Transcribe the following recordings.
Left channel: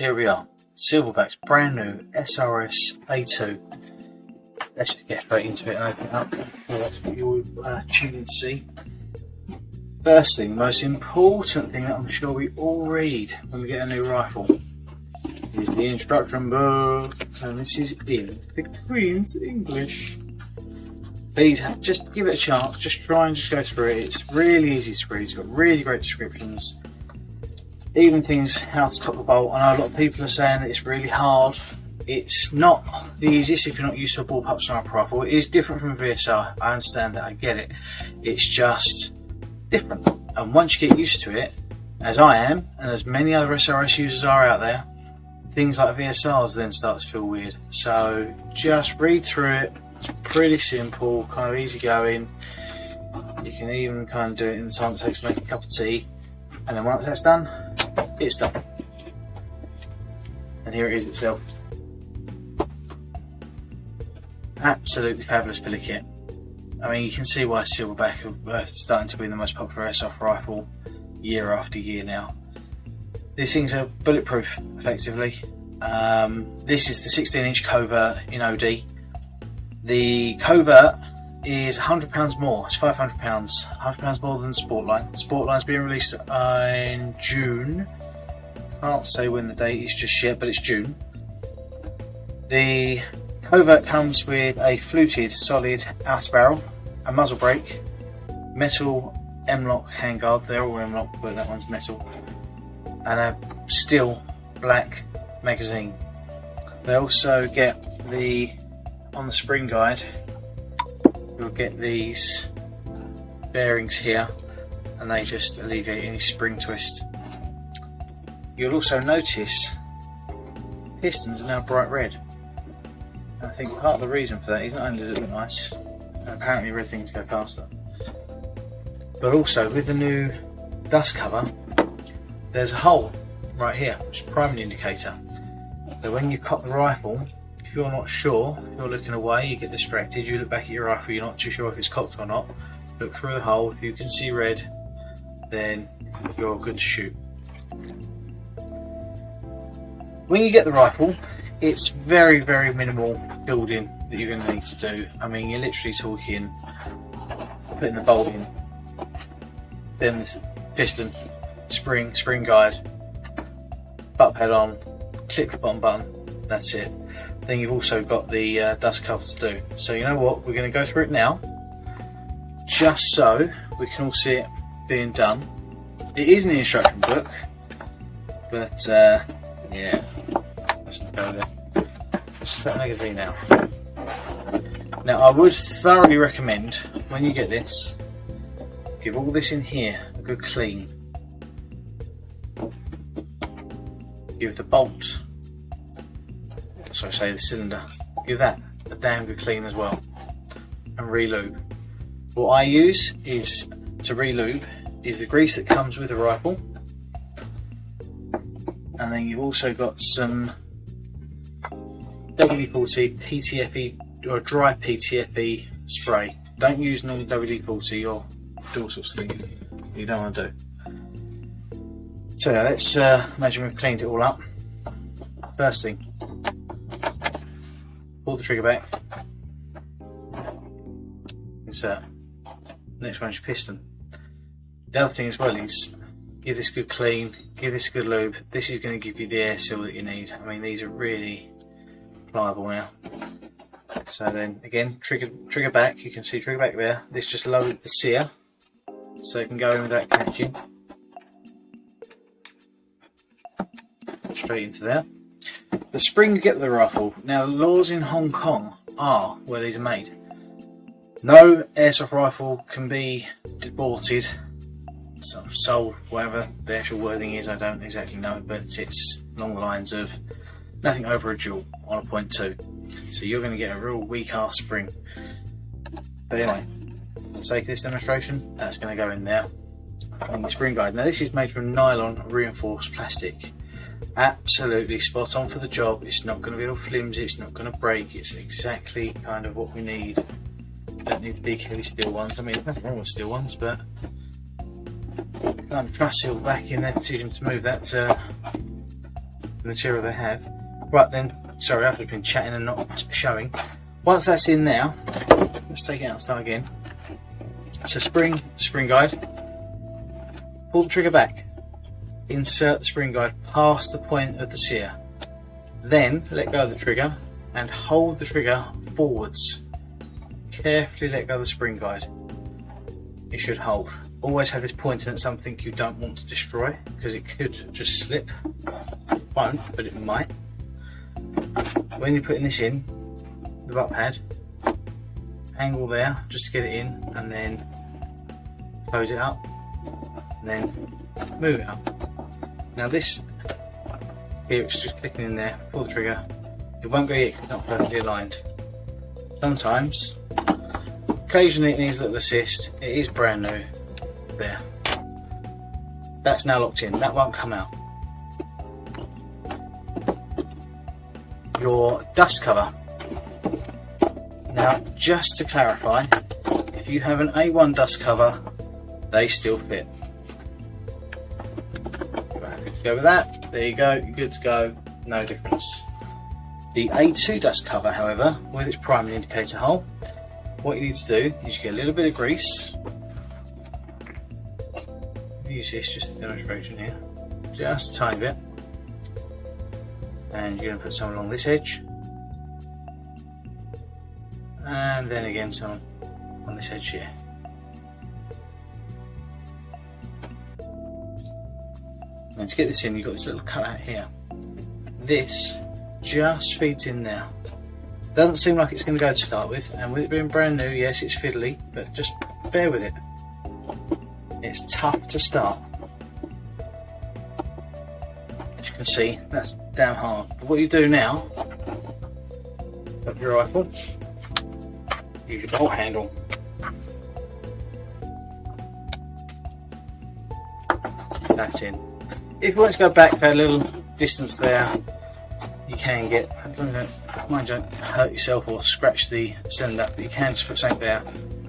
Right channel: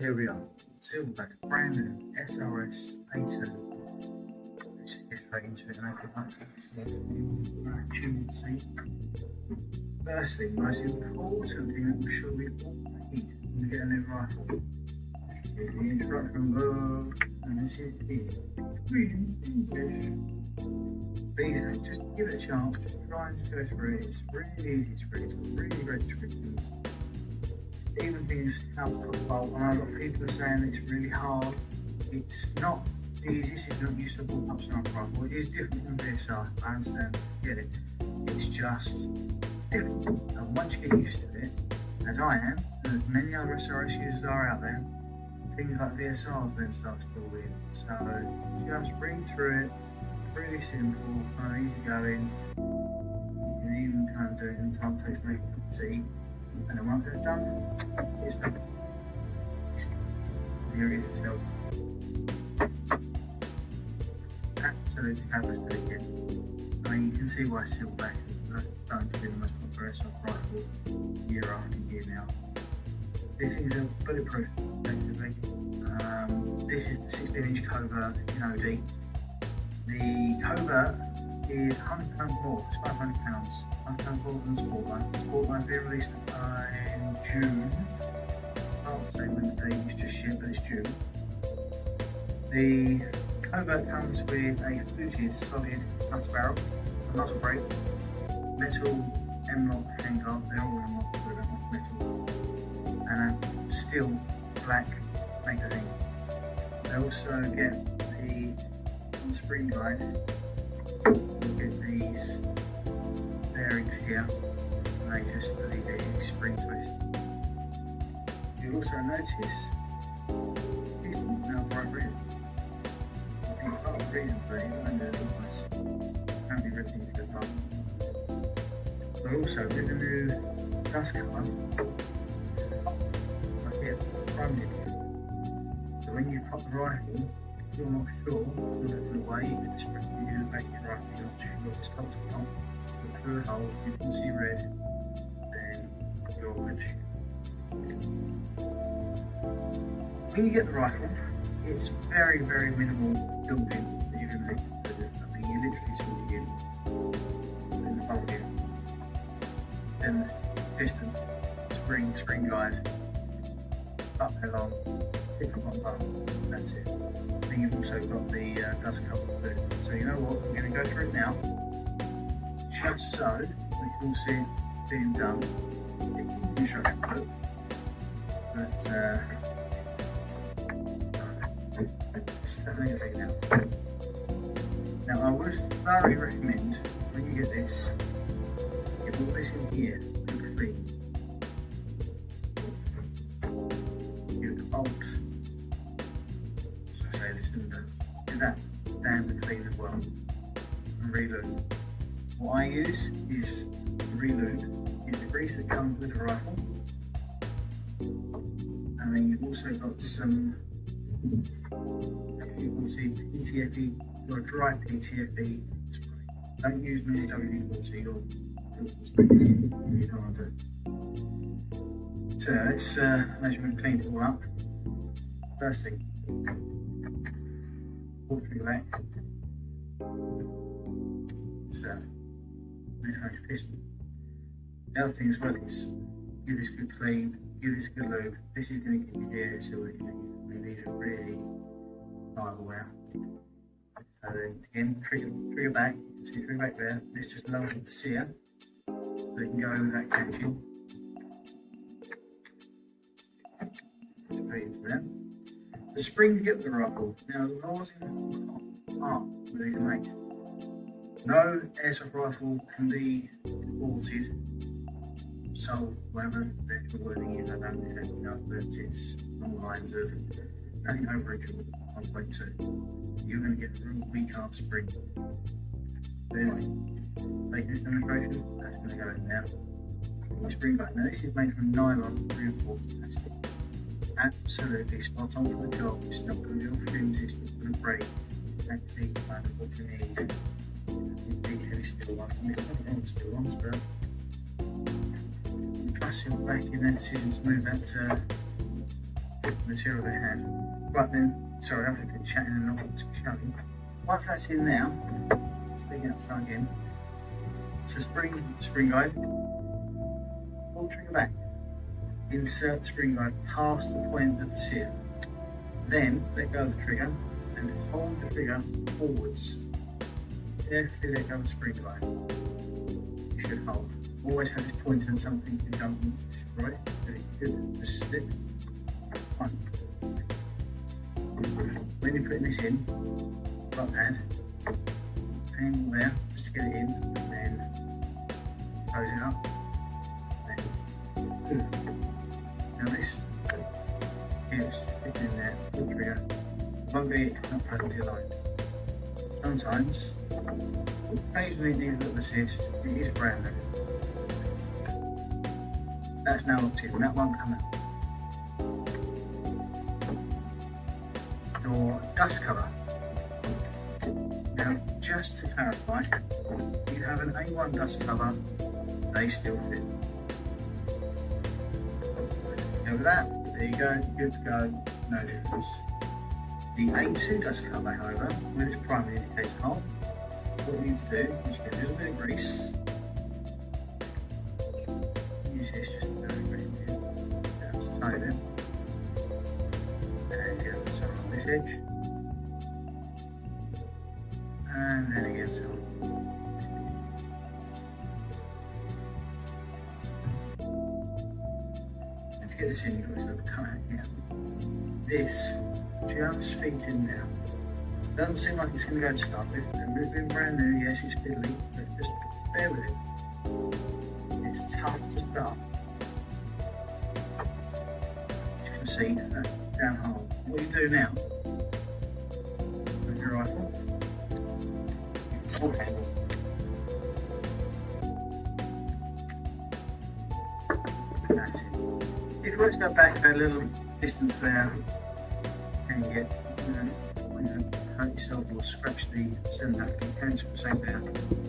here we are, Silverback's brand new SRS A2. Let's just get straight into it and open it up. That's what you'll tune in to see. First thing, most important thing that I'm sure we all read when we get a new rifle is the instruction book, and this is in the Queen's English. Please just give it a chance, just try and just go through it. It's really easy to read, it's got really great descriptions, even things how to top the bolt. I know a lot of people are saying that it's really hard. It's not the easiest if you're not used to a bullpup sniper rifle. It is different from a VSR, I understand that, I get it. It's just different, and once you get used to it, as I am, and as many other SRS users are out there, things like VSRs then start to feel weird. So just read through it. It's pretty simple, kind of easy going. You can even kind of do it in the time it takes to make a cup of tea, and then once that's done, it's done. And here it is itself. Absolutely fabulous bit of kit. I mean, you can see why Silverback are starting to be the most popular airsoft rifle year after year now. These things are bulletproof, effectively. This is the 16-inch covert in OD. The covert is £100 more, it's £500, £100 more than the Sportline. The Sportline's being released in June. I can't say when the date is just yet, but it's June. The covert comes with a fluted solid outer barrel, a muzzle brake, metal M-lock handguard, they're all M-lock but that one's metal, and a steel black magazine. They also get on the spring guide, you'll get these bearings here, and they just alleviate any spring twist. You'll also notice pistons are now bright red. I think part of the reason for that is not only does it look nice, and apparently red things go faster, but also with the new dust cover, there's a hole right here, which is a priming indicator. So when you cock the rifle, if you're not sure, you're looking away, you get distracted, you look back at your rifle, you're not too sure if it's cocked or not, look through the hole, if you can see red, then you're good to shoot. When you get the rifle, it's very, very minimal building that you're going to need to do. I mean, you're literally talking putting the bolt in, then the piston, spring guide, butt pad on, click the bottom button, that's it. Then you've also got the dust cover to do. So you know what, we're going to go through it now, just so we can all see it being done. It is in the instruction book, but yeah, let's not go there. Just that magazine now. Now I would thoroughly recommend, when you get this, give all this in here a good clean. Give the bolt, so say the cylinder, give that a damn good clean as well, and re-lube. What I use is to re-lube is the grease that comes with the rifle, and then you've also got some WD-40 PTFE or dry PTFE spray. Don't use normal WD-40 or do all sorts of things you don't want to do. So now let's imagine we've cleaned it all up. First thing, pull the trigger back, insert. Next one is piston. The other thing as well is give this good clean, give this good lube. This is going to give you the air seal that you need. I mean, these are really pliable now. So then again, trigger back, you can see trigger back there. This just lowered the sear so you can go in without catching. Straight into there. The spring you get with the rifle. Now the laws in Hong Kong are where these are made. No airsoft rifle can be aborted, sold, whatever the actual wording is, I don't exactly know, but it's along the lines of nothing over a joule on a .2. So you're going to get a real weak ass spring. But anyway, for the sake of this demonstration, that's going to go in there. On the spring guide. Now this is made from nylon reinforced plastic. Absolutely spot on for the job. It's not going to be all flimsy, it's not going to break, it's exactly kind of what we need. We don't need the big heavy steel ones. I mean, there's nothing wrong with steel ones, but kind of trust Silverback in their decision to move that the material they have. Right then, sorry, I've been chatting and not showing. Once that's in there, let's take it out and start again. So spring guide, pull the trigger back, insert the spring guide past the point of the sear, then let go of the trigger and hold the trigger forwards. Carefully let go of the spring guide. It should hold. Always have this pointing at something you don't want to destroy, because it could just slip. It won't, but it might. When you're putting this in, the butt pad, angle there just to get it in, and then close it up, and then move it up. Now this here, it's just clicking in there, pull the trigger. It won't go yet because it's not perfectly aligned. Sometimes, occasionally it needs a little assist. It is brand new. There. That's now locked in. That won't come out. Your dust cover. Now, just to clarify, if you have an A1 dust cover, they still fit. Good to go with that. There you go. You're good to go. No difference. The A2 dust cover, however, with its primary indicator hole, what you need to do is you get a little bit of grease. Use this just a demonstration here, just a tiny bit, and you're going to put some along this edge, and then again some on this edge here. And to get this in, you've got this little cutout here. This just feeds in there. Doesn't seem like it's going to go to start with, and with it being brand new, yes, it's fiddly, but just bear with it. It's tough to start. As you can see, that's damn hard. But what you do now, got your rifle, use your bolt handle. That's in. If you want to go back that little distance there, you can get, mind you, don't hurt yourself or scratch the cylinder, but you can just put something there,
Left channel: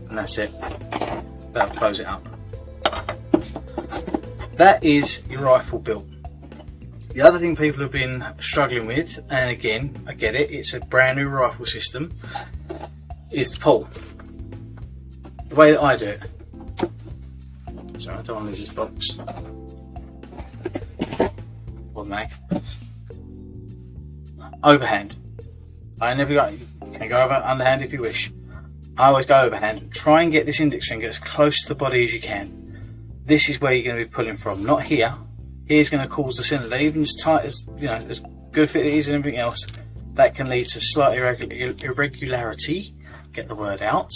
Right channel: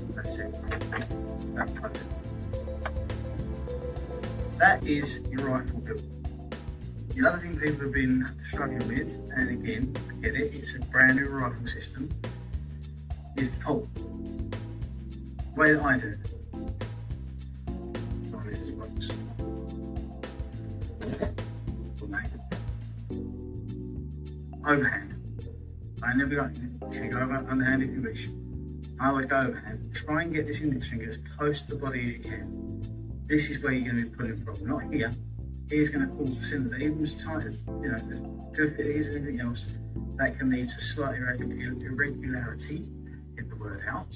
and that's it. That'll close it up. That is your rifle built. The other thing people have been struggling with, and again, I get it, it's a brand new rifle system, is the pull. The way that I do it. Sorry, I don't want to lose this box. Or mag. Overhand. I never go, you can go over underhand if you wish. I always go overhand. Try and get this index finger as close to the body as you can. This is where you're going to be pulling from, not here. Here's going to cause the cylinder, even as tight as, you know, as good fit it is and everything else, that can lead to slight irregularity, get the word out,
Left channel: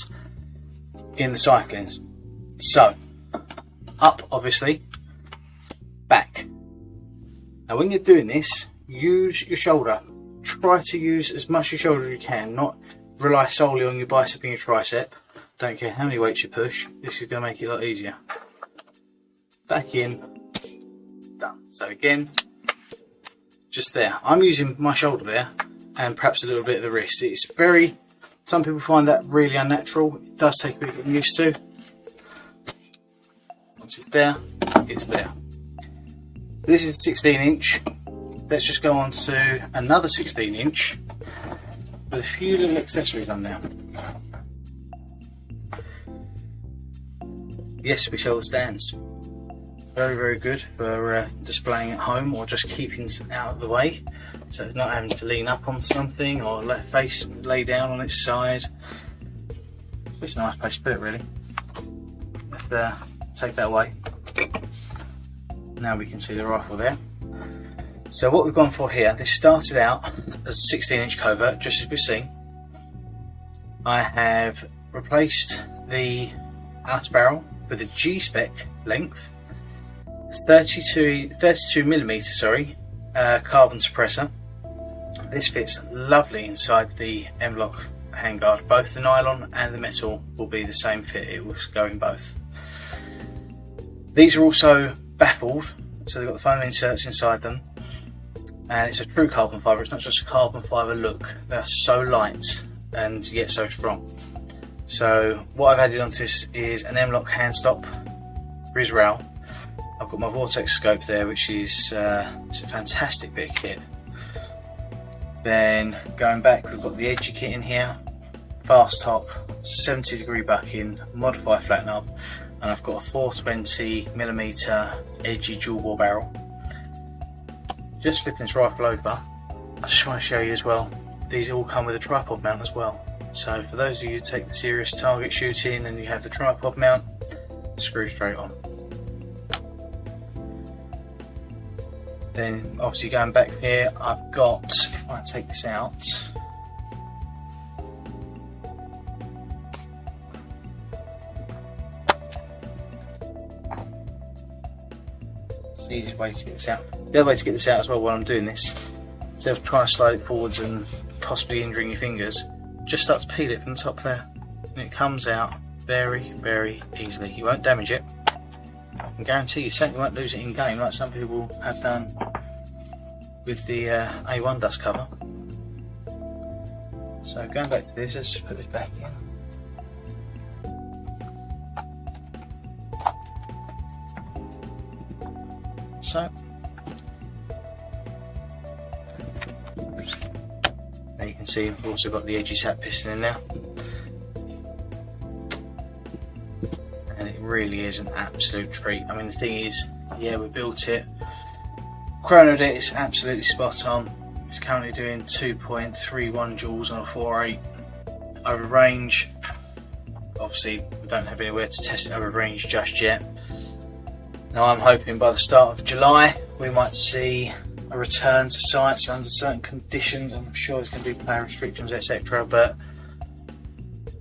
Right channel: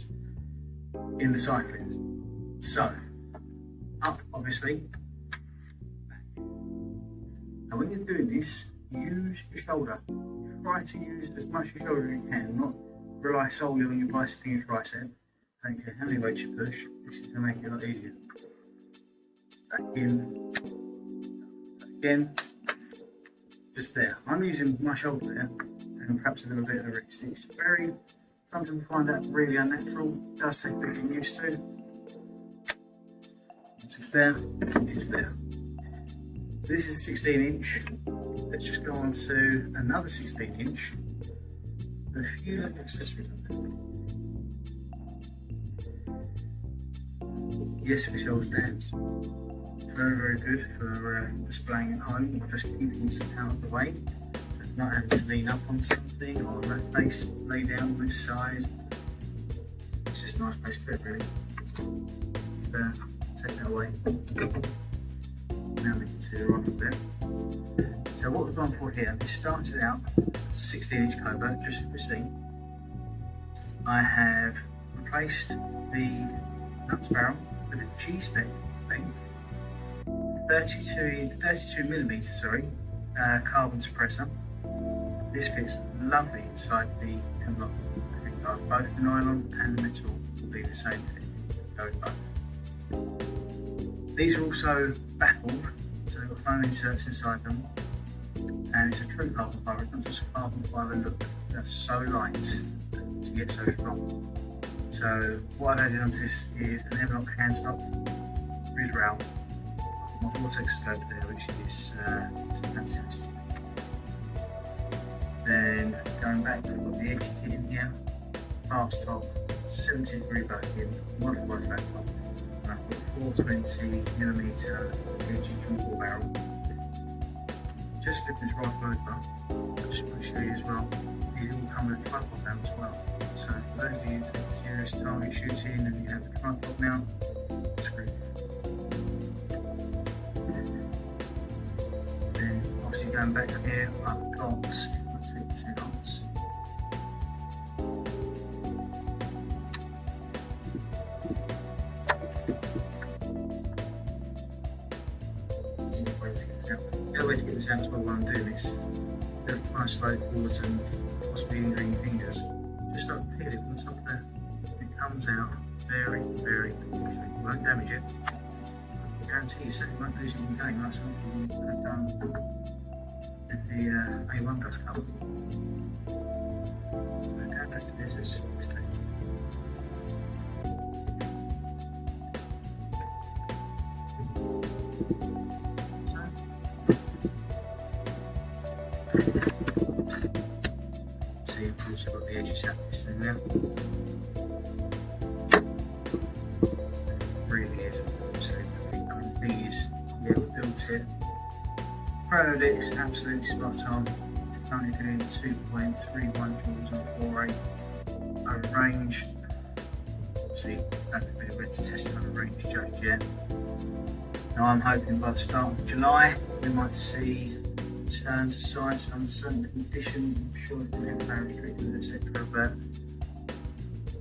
in the cyclings. So, up obviously, back. Now when you're doing this, use your shoulder. Try to use as much of your shoulder as you can, not rely solely on your bicep and your tricep. Don't care how many weights you push, this is going to make it a lot easier. Back in, done. So again, just there. I'm using my shoulder there and perhaps a little bit of the wrist. It's very, some people find that really unnatural. It does take a bit of getting used to. Once it's there, it's there. So this is the 16-inch. Let's just go on to another 16-inch with a few little accessories on there. Yes, we sell the stands. Very, very good for displaying at home or just keeping it out of the way. So it's not having to lean up on something or let face lay down on its side. It's just a nice place to put it, really. Let's take that away. Now we can see the rifle there. So what we've gone for here, this started out as a 16-inch covert, just as we've seen. I have replaced the outer barrel with a G-spec length, 32mm carbon suppressor. This fits lovely inside the M-LOK handguard. Both the nylon and the metal will be the same fit, it will go in both. These are also baffled, so they've got the foam inserts inside them, and it's a true carbon fibre. It's not just a carbon fibre look. They're so light and yet so strong. So what I've added onto this is an M-LOK hand stop for his rail. I've got my vortex scope there, which is it's a fantastic bit of kit. Then going back, we've got the edgy kit in here, fast top, 70-degree bucking, modified flat knob, and I've got a 420mm edgy dual bore barrel. Just flipping this rifle over, I just want to show you as well, these all come with a tripod mount as well. So for those of you who take the serious target shooting and you have the tripod mount, screw straight on. Then obviously going back here, I've got, if I take this out, it's the easiest way to get this out. The other way to get this out as well while I'm doing this, instead of trying to slide it forwards and possibly injuring your fingers, just start to peel it from the top there, and it comes out very, very easily. You won't damage it. I guarantee you certainly won't lose it in game like some people have done with the A1 dust cover. So going back to this, let's just put this back in. So there you can see we've also got the edgy sap piston in there. Really is an absolute treat. I mean, the thing is, yeah, we built it, chronoed it, it's absolutely spot on. It's currently doing 2.31 joules on a 4.8 over range. Obviously we don't have anywhere to test it over range just yet. Now I'm hoping by the start of July we might see a return to sights under certain conditions. I'm sure there's going to be player restrictions, etc., but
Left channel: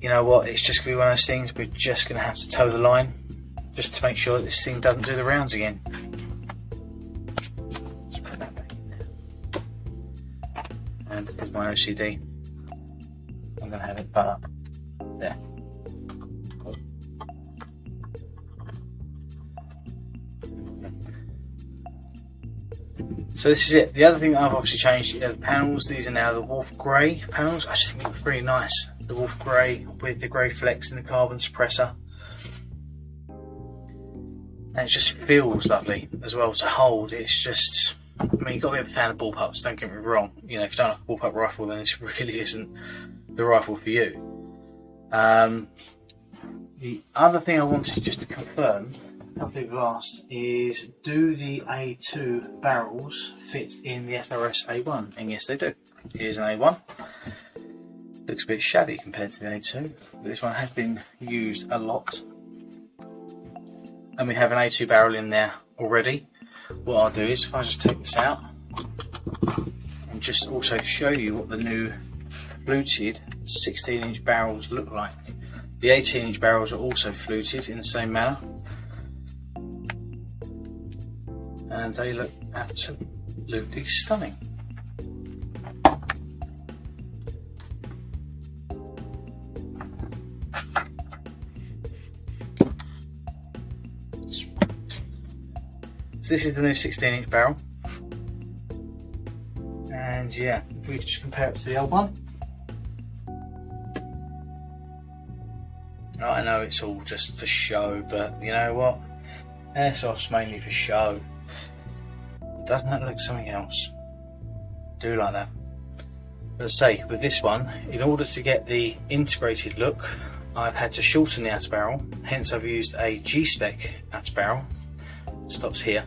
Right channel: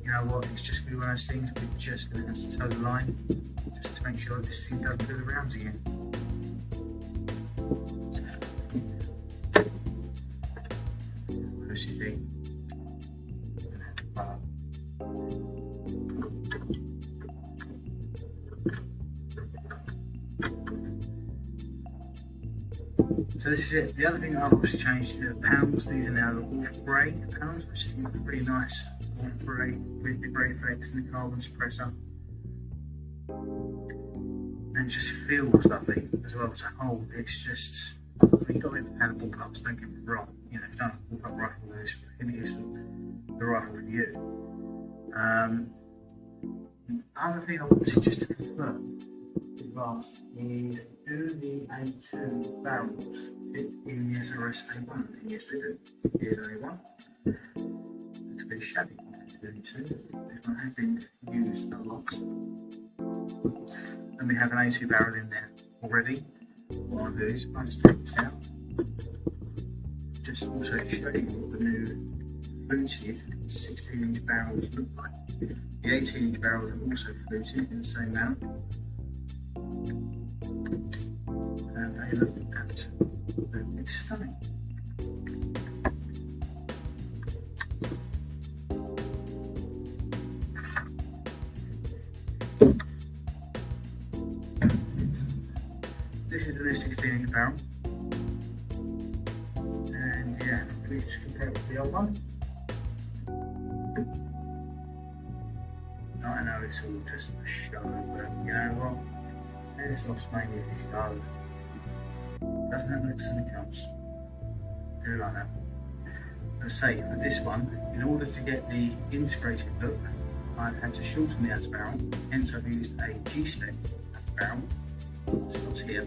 you know what, it's just going to be one of those things. We're just going to have to toe the line just to make sure that this thing doesn't do the rounds again. And because my OCD, I'm going to have it butt up there. So this is it. The other thing that I've obviously changed are the panels. These are now the Wolf Grey panels. I just think it looks really nice. The Wolf Grey with the grey flex and the carbon suppressor, and it just feels lovely as well to hold. It's just, I mean, you've got to be a fan of bullpups, don't get me wrong. You know, if you don't like a bullpup rifle, then this really isn't the rifle for you. The other thing I wanted just to confirm, a couple of people asked, is do the A2 barrels fit in the SRS A1? And yes, they do. Here's an A1. Looks a bit shabby compared to the A2, but this one has been used a lot. And we have an A2 barrel in there already. What I'll do is, if I just take this out and just also show you what the new fluted 16-inch barrels look like. The 18-inch barrels are also fluted in the same manner, and they look absolutely stunning. So this is the new 16-inch barrel, and yeah, if we just compare it to the old one. I know it's all just for show, but you know what? Airsoft's mainly for show. Doesn't that look something else? Do like that. But say, with this one, in order to get the integrated look, I've had to shorten the outer barrel, hence I've used a G-spec outer barrel. Stops here,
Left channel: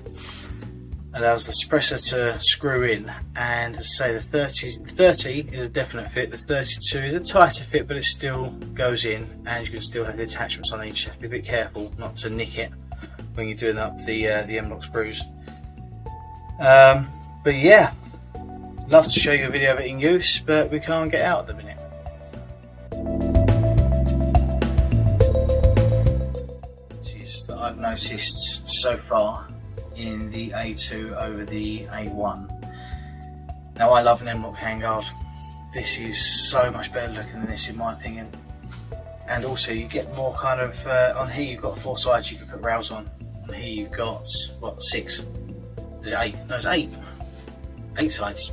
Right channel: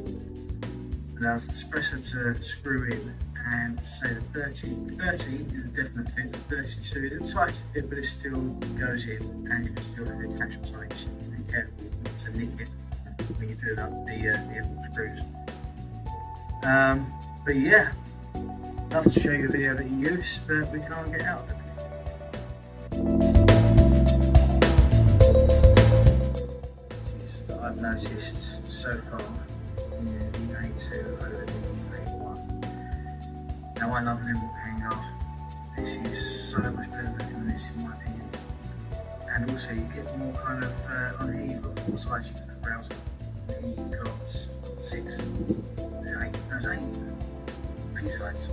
allows the suppressor to screw in, and say the 30 is a definite fit, the 32 is a tighter fit, but it still goes in, and you can still have the attachments on each. Be a bit careful not to nick it when you're doing up the M-lock screws. But yeah, love to show you a video of it in use, but we can't get out at the minute. That I've noticed so far in the A2 over the A1. Now I love an M-lock handguard. This is so much better looking than this in my opinion. And also you get more kind of, on here you've got 4 sides you can put rails on. And here you've got, what, 6? There's 8, no there's 8. 8 sides.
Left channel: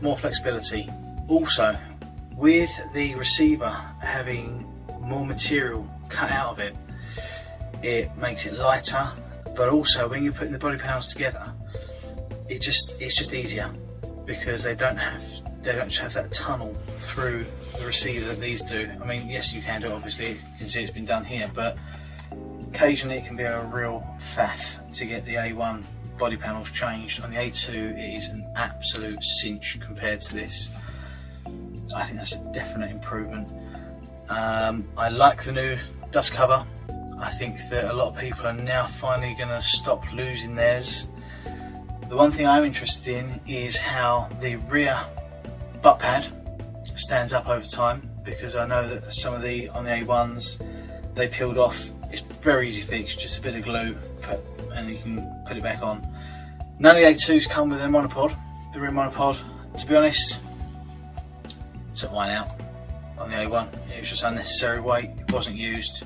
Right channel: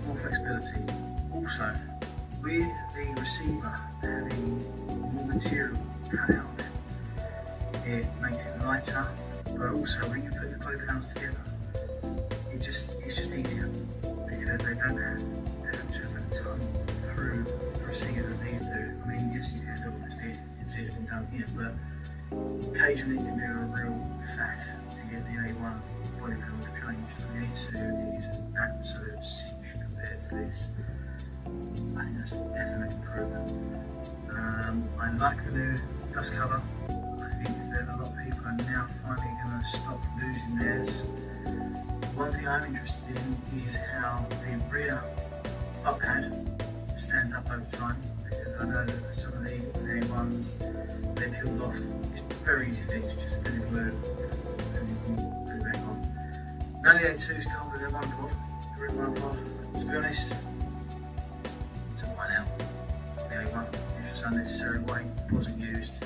More flexibility. Also, with the receiver having more material cut out of it, it makes it lighter, but also when you're putting the body panels together, it's just easier, because they don't just have that tunnel through the receiver that these do. I mean, yes, you can do it, obviously, you can see it's been done here, but occasionally it can be a real faff to get the A1 body panels changed. On the A2 it is an absolute cinch compared to this. I think that's a definite improvement. I like the new dust cover. I think that a lot of people are now finally going to stop losing theirs. The one thing I'm interested in is how the rear butt pad stands up over time, because I know that some of on the A1s, they peeled off. It's very easy fix, just a bit of glue and you can put it back on. None of the A2s come with a monopod, the rear monopod. To be honest, I took mine out on the A1. It was just unnecessary weight, it wasn't used.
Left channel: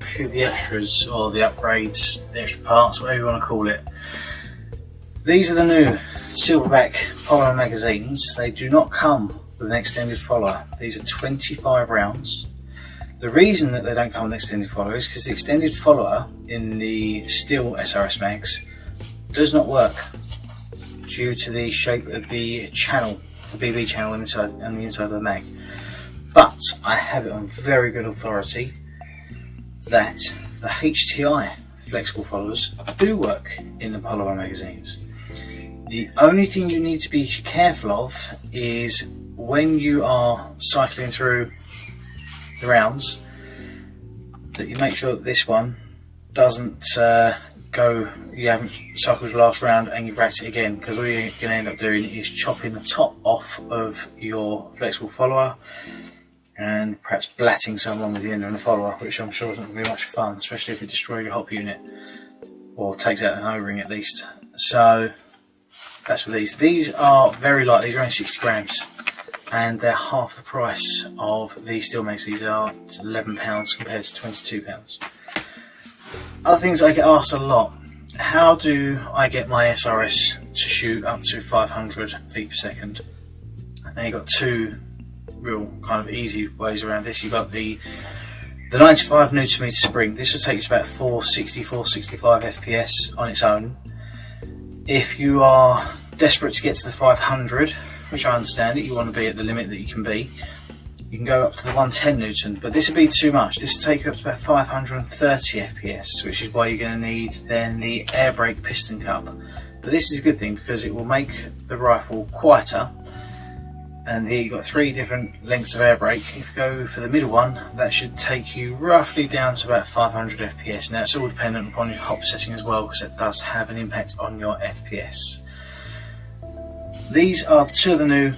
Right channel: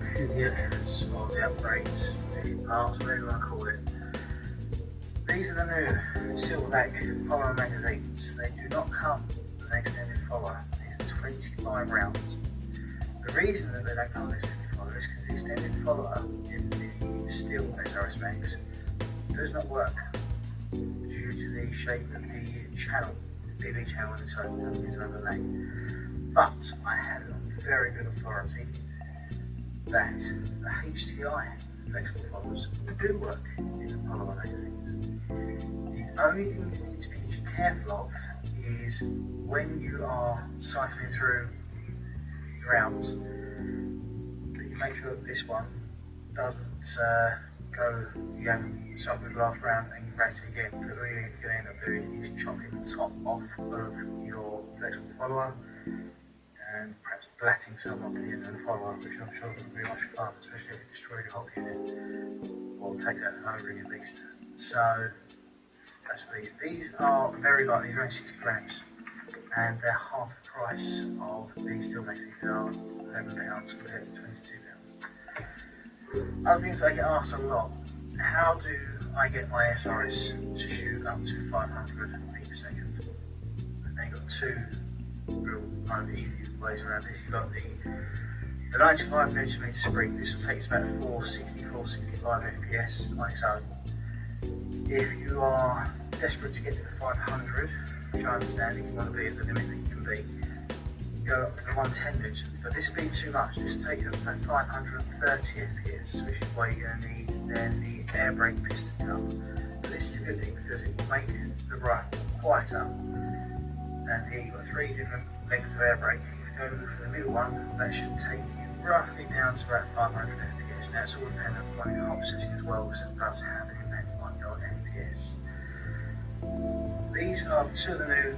A few of the extras, or the upgrades, the extra parts, whatever you want to call it. These are the new Silverback follower magazines. They do not come with an extended follower. These are 25 rounds. The reason that they don't come with an extended follower is because the extended follower in the steel SRS mags does not work due to the shape of the channel, the BB channel inside and the inside of the mag. But I have it on very good authority that the HTI flexible followers do work in the Polar magazines. The only thing you need to be careful of is when you are cycling through the rounds, that you make sure that this one doesn't go, you haven't cycled your last round and you've racked it again, because all you're going to end up doing is chopping the top off of your flexible follower and perhaps blatting someone with the end of the follower, which I'm sure isn't going to be much fun, especially if it destroys your hop unit or takes out an O-ring at least. So that's for these. These are very light, these are only 60 grams and they're half the price of the steel mags. These are £11 compared to £22. Other things I get asked a lot: how do I get my SRS to shoot up to 500 feet per second? Now you've got two real kind of easy ways around this. You've got the 95 Nm spring. This will take you to about 460, 465 FPS on its own. If you are desperate to get to the 500, which I understand it, you want to be at the limit that you can be, you can go up to the 110 Newton, but this would be too much. This will take you up to about 530 FPS, which is why you're going to need then the air brake piston cup. But this is a good thing because it will make the rifle quieter. And here you've got three different lengths of air brake. If you go for the middle one, that should take you roughly down to about 500 FPS. Now it's all dependent upon your hop setting as well, because it does have an impact on your FPS. These are two of the new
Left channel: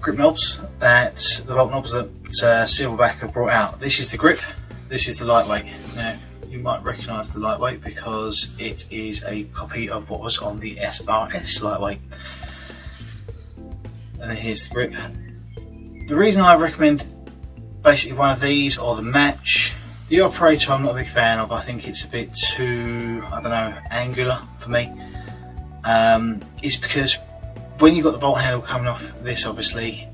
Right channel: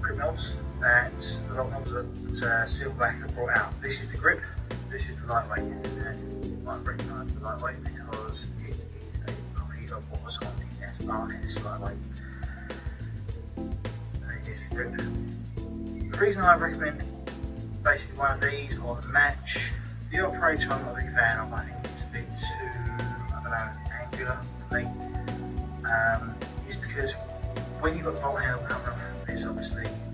grip knobs, the bolt knobs that Silverback have brought out. This is the grip, this is the lightweight. Now you might recognise the lightweight because it is a copy of what was on the SRS lightweight. And then here's the grip. The reason I recommend basically one of these or the match, the operator I'm not a big fan of. I think it's a bit too, I don't know, angular for me. It's because when you've got the bolt handle coming off this, obviously,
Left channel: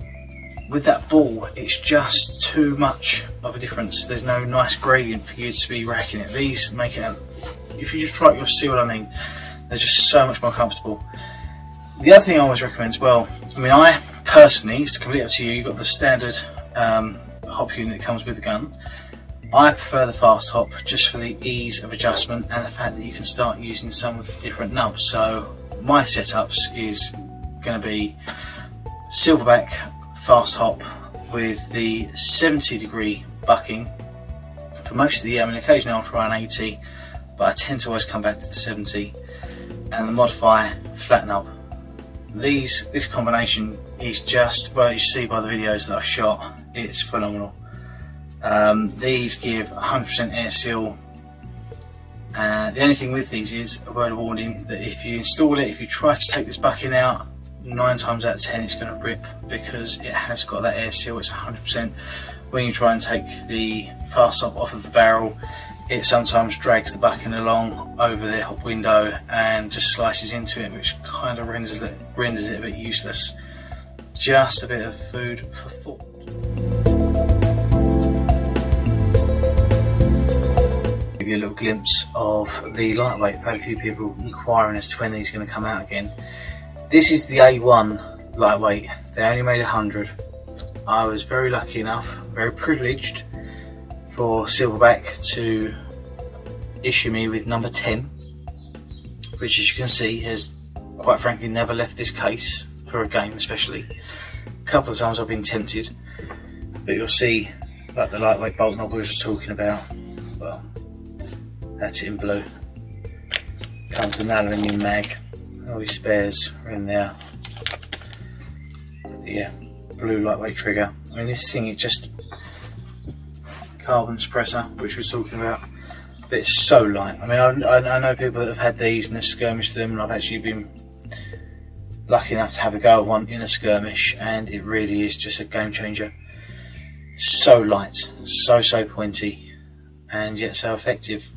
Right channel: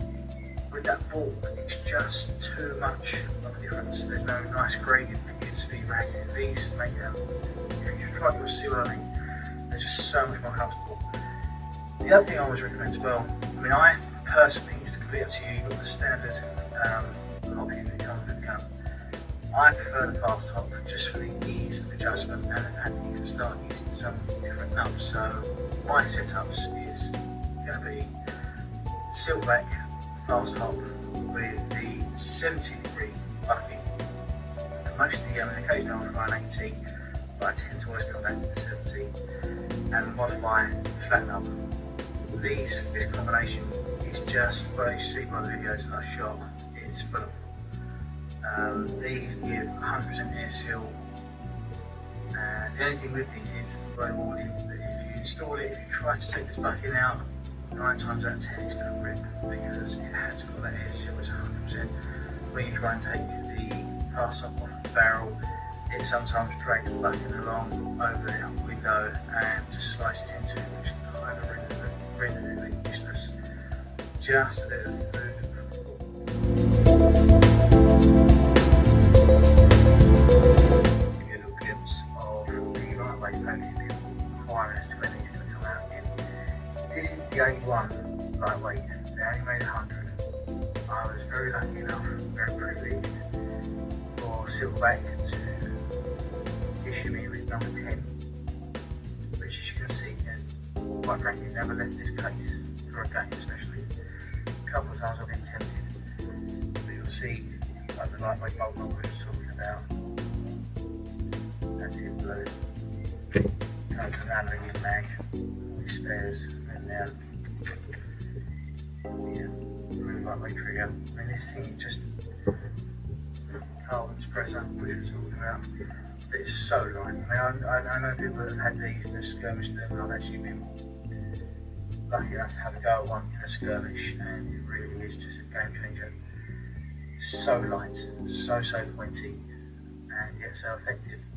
with that ball, it's just too much of a difference. There's no nice gradient for you to be racking it. These make it, if you just try it, you'll see what I mean. They're just so much more comfortable. The other thing I always recommend as well, I mean, I personally, it's completely up to you, you've got the standard hop unit that comes with the gun. I prefer the fast hop just for the ease of adjustment and the fact that you can start using some of the different nubs. So my setups is going to be Silverback fast hop with the 70-degree bucking for most of the year. I mean, occasionally I'll try an 80, but I tend to always come back to the 70, and the modify flat nub. This combination is just, well, you see by the videos that I've shot, it's phenomenal. These give 100% air seal. The only thing with these is a word of warning that if you install it, if you try to take this bucking out, 9 times out of 10 it's going to rip because it has got that air seal. It's 100%. When you try and take the fast stop off of the barrel, it sometimes drags the bucking along over the hop window and just slices into it, which kind of renders it a bit useless. Just a bit of food for thought. little glimpse of the lightweight. I've had a few people inquiring as to when these are going to come out again. This is the A1 lightweight. They only made 100. I was very lucky enough, very privileged, for Silverback to issue me with number 10, which, as you can see, has quite frankly never left this case for a game, especially. A couple of times I've been tempted, but you'll see, like the lightweight bolt knob we were just talking about, well, that's it in blue. Comes with an aluminium mag, all your spares are in there. Yeah, blue lightweight trigger. I mean, this thing, it just, carbon suppressor, which we were talking about, but it's so light. I mean, I know people that have had these and they've skirmished them, and I've actually been lucky enough to have a go at one in a skirmish, and it really is just a game changer. It's so light, so pointy, and yet so effective.